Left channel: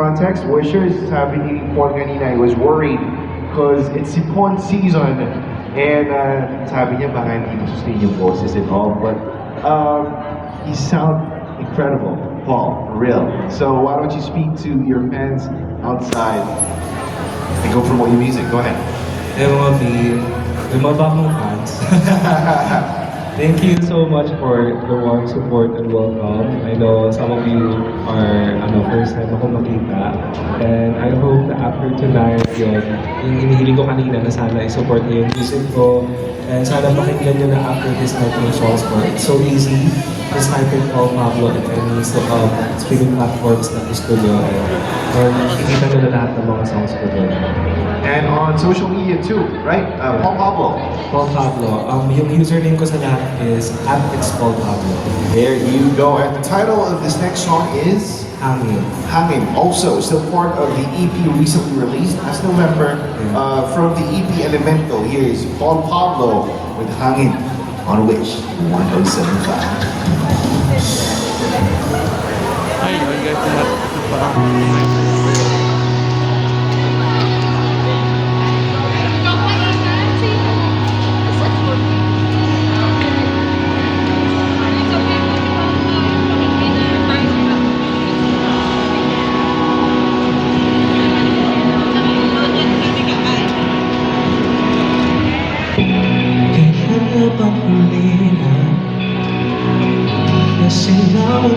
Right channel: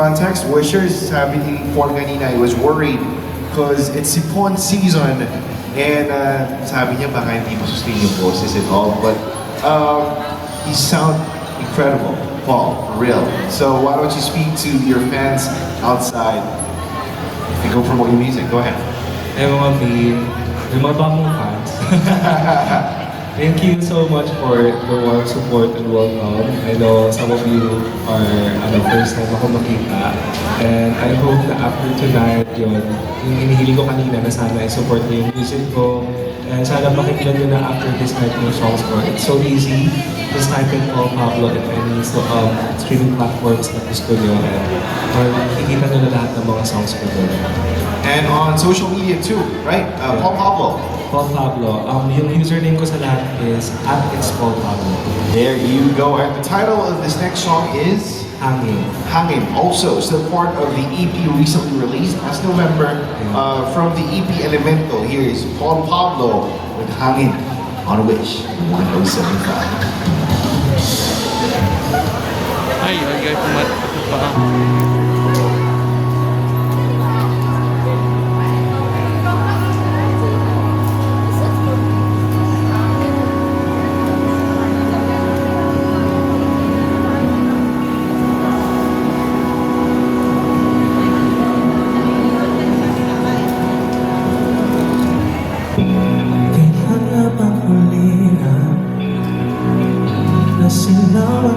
context, Wishers, sabi ni Paul kanina, I was worried because it's Sipon season and sabi niya baka hindi mo sustain yung boses and all, but you sound incredible, Paul, for real. So why don't you speak to your fans outside and go promote your music, go ahead. Everyone, the mga bagong fans. Thank you so much for the warm support and welcome. I know some of you are first time ako makita. And I hope that after tonight, yung hinihiling ko kanina na sana i-support niyo yung music ko. And sana makikita niyo na after this night yung songs ko. It's so easy. Just type in Paul Pablo at any streaming platforms at the studio. And makikita niyo na lahat ng mga songs ko doon. And on social media too, right? Paul Pablo. Paul Pablo. Yung username ko sa lahat is @XPaulPablo. There you go. And the title of this next song is Hangin. Hangin. Also, still part of the EP recently released last November from the EP Elemento. Here is Paul Pablo with Hangin on Wish 1075.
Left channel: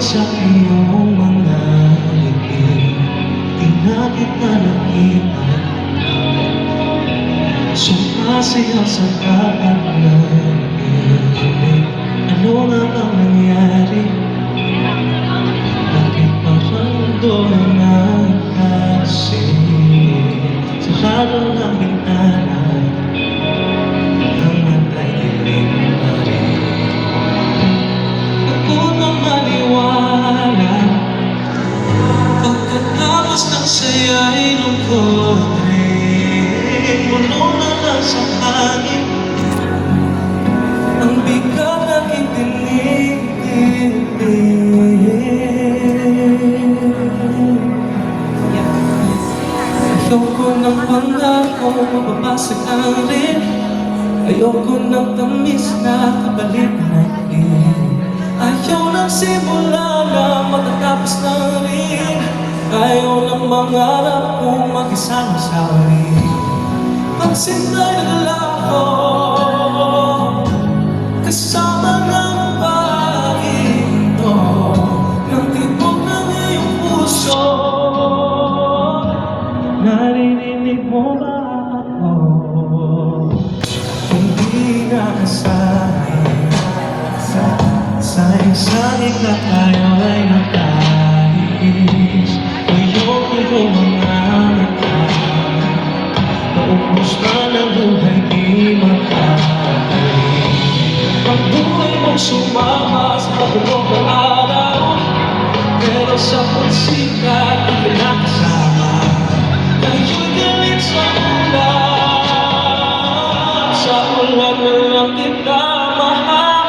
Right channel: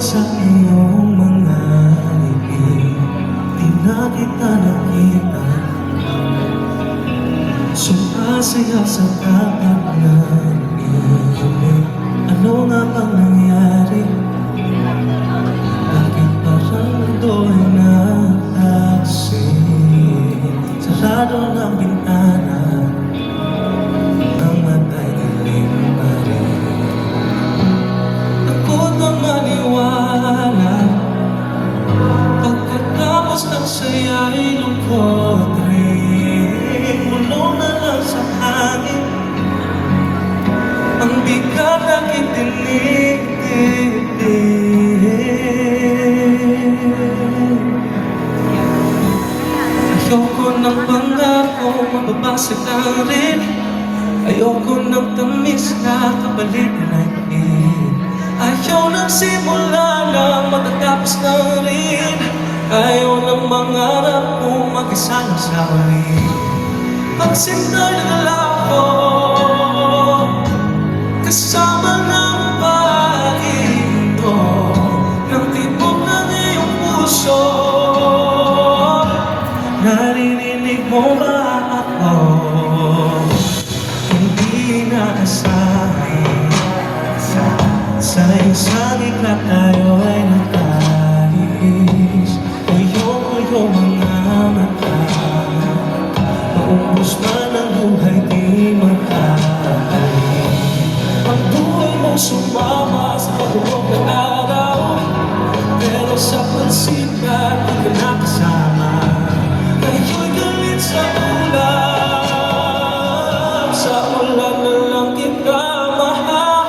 Sa iyong mga ibig, di na kita nakita. Sumasayaw sa dapat na ibig. Ano nga bang nangyari? Bakit parang mundo ay nagtaksi? Sa harong ng bintana, ang matay dilim pa rin. Maniwala pagkatapos ng saya'y lungkot rin, mulong na lang sa hangin ang bigat na kitinig. Ayoko ng pangako, mababasag na rin. Ayoko ng tamis na kapalit ng ayaw ng simula na matatapos na rin. Ayaw ng mangarap kong mag-isang sa uli. Pagsinay nagala ko kasama ng pag-ito ng tibok ng iyong puso. Naririnig mo ba ako? Hindi nakasahin sa isang ikla tayo ay nagkahis. Ayoko yung mga mata maubos na ng buhay di makakali. Ang buhay mong sumama sa pagbuok na araw, pero sa pagsikat hindi ka nakasama. Ngayon galit sa ulan na lang kita mahal.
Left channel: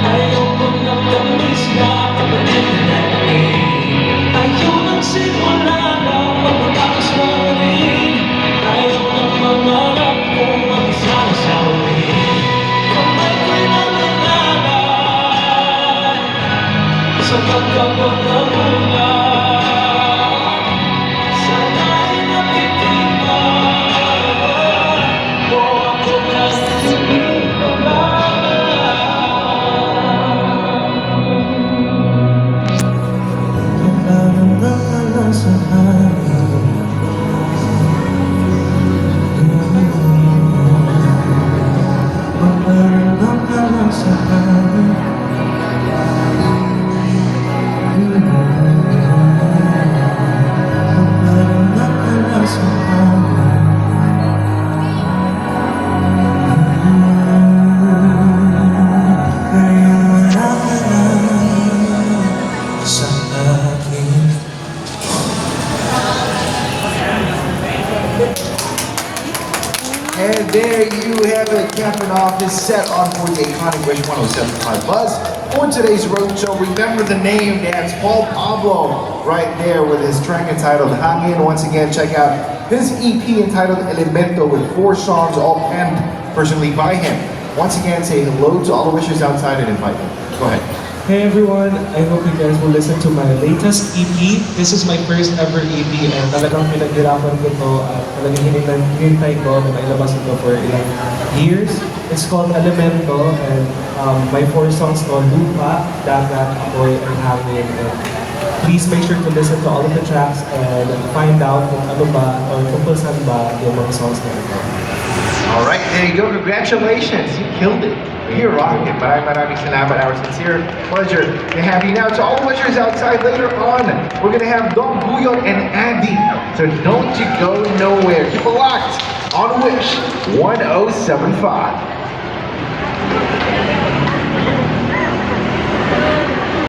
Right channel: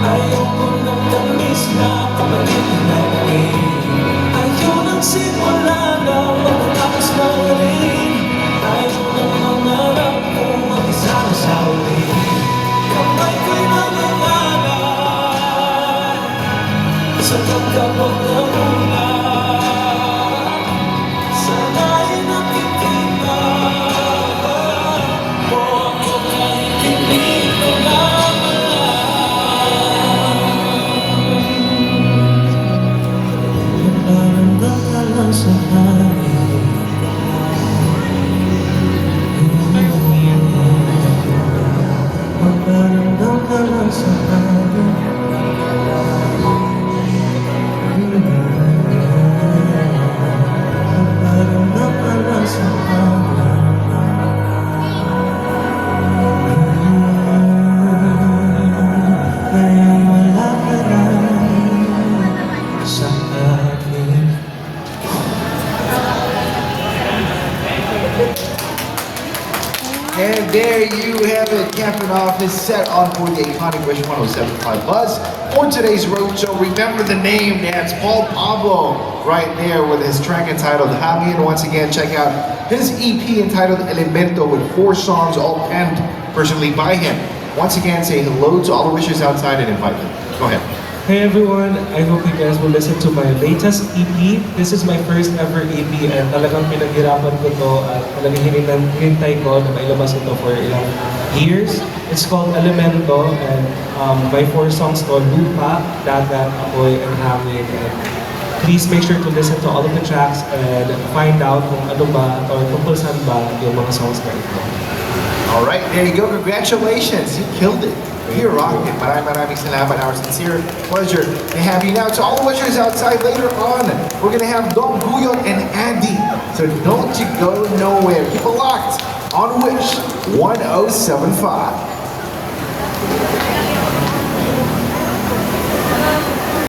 Ayoko ng tamis na kapalit na rin. Ayaw ng simula na magpapatapos na rin. Ayaw ng mangarap kong mag-isang sa uli. Kamay ko na mangalan sa pagkakatamunan. Sana'y nakikita mo ako kahit hindi ko lang. And there you have it, capping off this set on 48 Iconic Wish 1075 Buzz. for today's roadshow. Remember the name, that's Paul Pablo, right there with his track entitled Hangin. Once again, check out his EP entitled Elemento with 4 songs, all penned personally by him. Once again, say hello to all the wishers outside and invite them. Go ahead. Hey everyone, I hope you guys will listen to my latest EP. This is my first ever EP and talagang pinaghirapan ko to at talagang hinintay ko na may labas ito for ilang years. It's called Elemento and my 4 songs called Lupa, Dagat, Apoy, and Hangin. And please make sure to listen to all of the tracks and find out kung ano ba or kung saan ba yung mga songs na ito. All right, there you go. Congratulations. You killed it. You're rocking. Maraming salamat. Our sincere pleasure to have you. Now, to all the wishers outside later on, we're going to have Dom Guyot and Andy. So don't you go nowhere. Keep it locked on Wish 1075.